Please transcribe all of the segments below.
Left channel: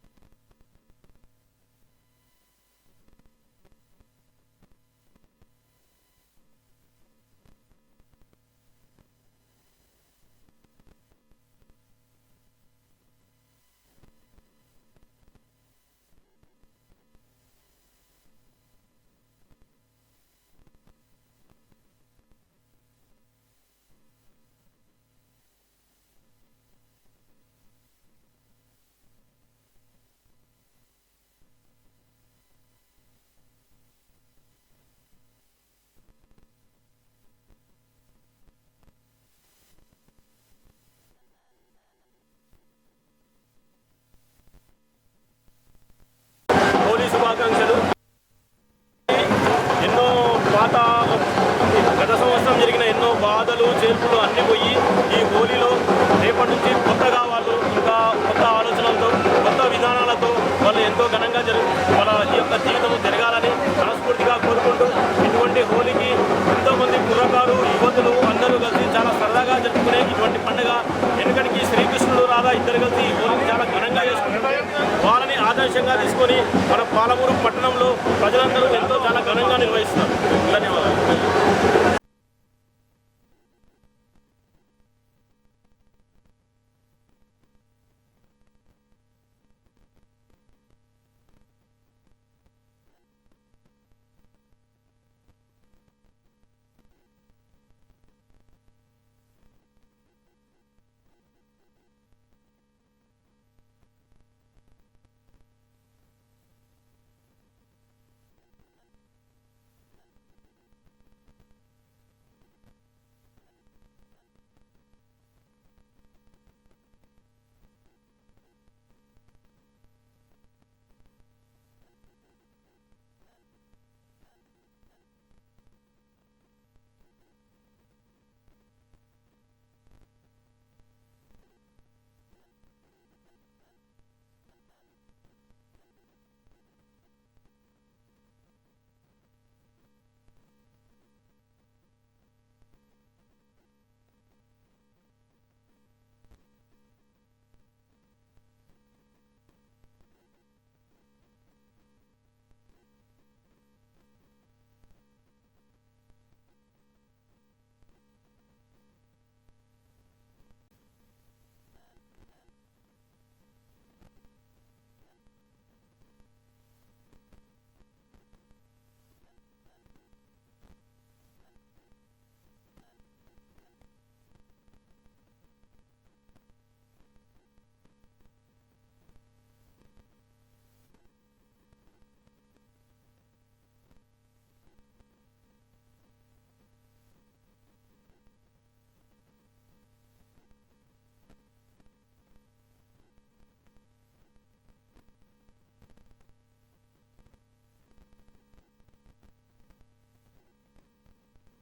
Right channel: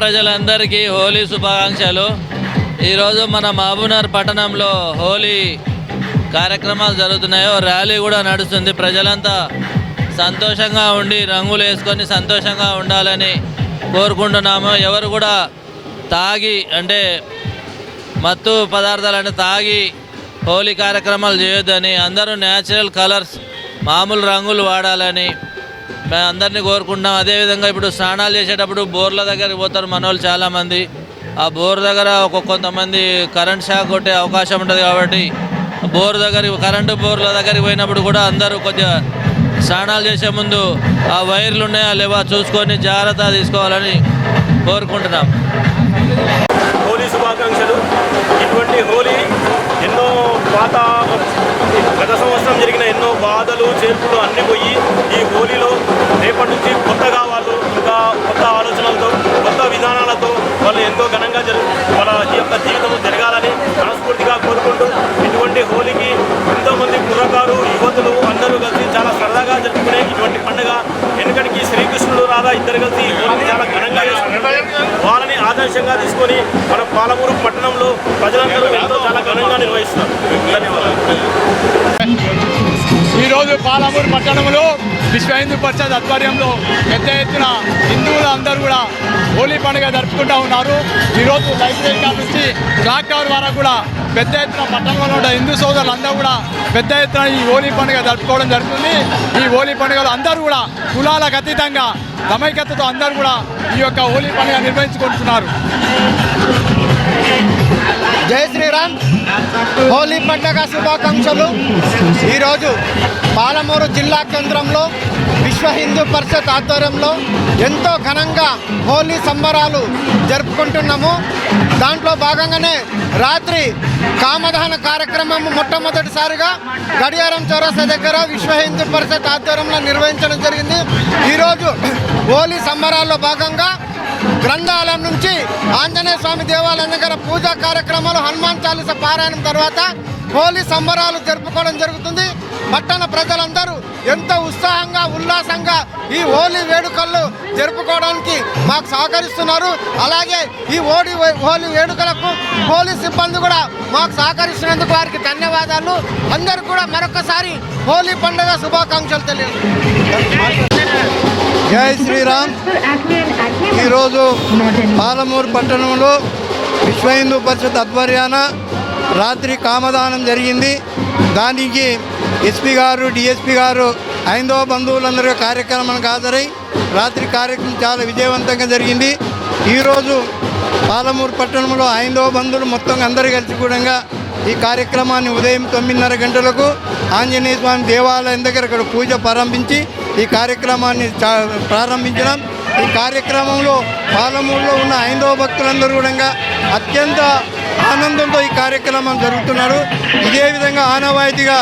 ప్రజలందరికీ హోలీ శుభాకాంక్షలు. ఈరోజు మన మహబూబ్నగర్ పట్టణంలో హోలీ కార్యక్రమాలు జరుగుతున్నాయో ర్యాలీ కూడా నడుస్తుంది. ప్రజలంతా సంతోషంగా ఉండి రంగులు వేసుకొని సంతోషంగా ఉండాలని కోరుకుంటున్నాము. ఎవరు కూడా తాగి అంటే మత్తు పదార్థాలను తాగి హోలీ కార్యక్రమాలు చేయొద్దని, అందరూ న్యాచురల్ కలర్స్ మామూలు రంగులు వాడాలని మేము అందరినీ కోరుకుంటున్నాం. అదేవిధంగా ఇప్పుడు స్నానాలు చేసేటప్పుడు బోర్ల దగ్గరికి పోతారు మనోళ్ళు చాలామంది. ఆ బోర్ దగ్గర కొంతమంది కరెంట్ షాక్ కొట్టే అవకాశం ఉంటుంది కాబట్టి కరెంటు బోర్ల దగ్గరికి పోయినప్పుడు కూడా అందరూ కొద్దిగా స్నానాలు చేసే ముందు ఆ వైర్లు ఉన్నాయా లేవా చూసుకొని జాగ్రత్త తీసుకోవాలని కోరుకుంటున్నాం. హోలీ శుభాకాంక్షలు. ఇటువంటి హోలీ ఎన్నో గత సంవత్సరం జరిగిన ఎన్నో బాధలు చేర్పులు అన్నీ పోయి ఈ హోలీలో రేపటి నుంచి కొత్తగా వాళ్ళు ఇంకా కొత్త ఆలోచనలతో కొత్త విధానాలతో వాళ్ళు ఎంతో ఘనంగా వాళ్ళ యొక్క జీవితం జరగాలని మనస్ఫూర్తిగా కోరుకుంటూ ఇటువంటి హోలీకి ఎంతోమంది కుర్రకారు యువతులు అందరూ కలిసి చాలా సరదాగా జరుపుకునే ఇటువంటి పండుగ. ఎందుకంటే శ్రీకృష్ణుడు రాధా ఇద్దరు కలిసి ఈ హోలీని చాలా ఘనంగా చేసుకుంటారు. వాళ్ళని ఆదర్శంగా తీసుకొని మన పాలమూరు పట్టణంలో ప్రజలందరూ ఎంతో చాలా ఘనంగా నిర్వహిస్తారు. ధన్యవాదాలు. ఈరోజు పాలమూరు పట్టణంలో విశ్వ హిందూ పరిషత్ ఆధ్వర్యంలో పెద్ద ఎత్తున హిందువులు అందరూ కూడా హోలీ పండుగ జరుపుకుంటూ ఉన్నారు. ఈరోజు లైబ్రరీ కాడ నుంచి క్లాక్ టవర్ వరకు కూడా పెద్ద ఎత్తున పట్టణంలో ఉన్న హిందూ సోదరులు అందరూ కూడా పెద్ద ఎత్తున ఈ హోలీ పండుగ జరుపుకోవడం జరుగుతుంది. ఈ హోలీ పండుగలు అందరూ కూడా కులాలకు అతీతంగా సమైక్యతతో అందరూ కూడా ఈ యొక్క హోలీ పండుగ నిర్వహించుకుంటున్నారు. జై శ్రీరామ్. హోలీ పండుగ శుభాకాంక్షలు. ఈరోజు పాలమూరు జిల్లా కేంద్రంలో విశ్వ హిందూ పరిషత్ ఆధ్వర్యంలో ఎంతో ఘనంగా హోలీ సంబరాలు జరుపుకుంటున్నాము. దాంట్లో భాగంగానే రాత్రి కామదహన కార్యక్రమం మొట్టమొదటిసారిగా గడియారం చౌరస్తా దగ్గర విశ్వ హిందూ పరిషత్ ఆధ్వర్యంలో నిర్వహించడం జరిగింది. ఈరోజు హోలీ సంబరాల్లో భాగంగా గ్రంథాలయం నుంచి ఆంజనేయ స్వామి దేవాలయం దగ్గర పూజా కార్యక్రమాలు, హనుమాన్ చాలీస పారాయణం తర్వాత హోలీ సంబరాలు జరుపుకోవడం జరుగుతుంది. పట్టణ ప్రజలందరూ ఎంతో ఉత్సాహంగా ఉల్లాసంగా ఈ హోలీ వేడుకలు జరుపుకోవడానికి మాకు సహకరిస్తున్నారు. అలాగే ఈ హోలీ వేడుకలకు పోలీస్ సిబ్బంది కూడా మాకు సహకరిస్తున్నందుకు వారికి ధన్యవాదాలు. అందరూ కూడా మరొకసారి హోలీ పండుగ శుభాకాంక్షలు తెలియజేస్తున్నారు. జై శ్రీరామ్. ఈరోజు పాలమూరు పట్టణంలో విశ్వ హిందూ పరిషత్ ఆధ్వర్యాన రాత్రి కామదానం జరిగింది. దానికి ఎస్పీ గారు, డిఎస్పీ గారు, హైందవ బంధువులందరూ కార్యక్రమానికి హాజరై రాత్రి కార్యక్రమం చాలా విజయవంతంగా జరిగింది. ఈరోజు పాలమూరు పట్టణంలో హైందవ బంధువులు మొత్తం అందరూ కలిసి కూడా ఈ కార్యక్రమాన్ని ఉదయం 9:30 గంటలకు ఆంజనేయ స్వామి దేవాలయం దగ్గర ఇక్కడ పూజ ప్రారంభించి ఈ కార్యక్రమాన్ని ప్రారంభించడం. ఈ కార్యక్రమంలో పాలమూరులో ఉన్న హైందవ భక్తులందరూ కూడా అత్యంత ఆనందంతో ఈ కార్యక్రమం జరుగుతున్నారు. ఇదే విధంగా ఆనవాయితీగా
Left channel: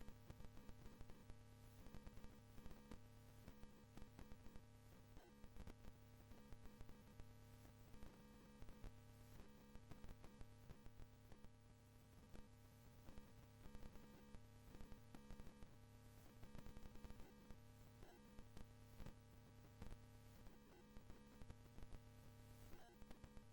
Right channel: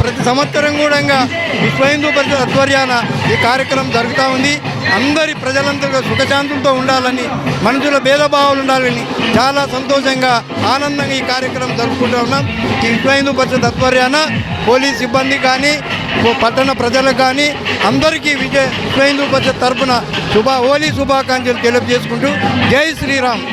ప్రతి సంవత్సరం కూడా విశ్వ హిందూ పరిషత్ ఆధ్వర్యాన ఈ కార్యక్రమం జరుగుతూ ఉంది. అందరి ప్రజలందరూ సుఖశాంతులతో ఉండాలని, మనుషుల భేదభావాలు ఉండాలని చాలా సంతోషంగా ఆనందంగా ఈ కార్యక్రమం జరుపుకుంటూ ఉన్నాం. ఈ విశ్వ హిందూ పరిషత్ ఆధ్వర్యాన పోలీస్ సిబ్బంది కానీ పట్టణ ప్రజలకు కానీ అందరికీ విశ్వ హిందూ పరిషత్ తరఫున హోలీ శుభాకాంక్షలు తెలియజేసుకుంటూ జై శ్రీరామ్.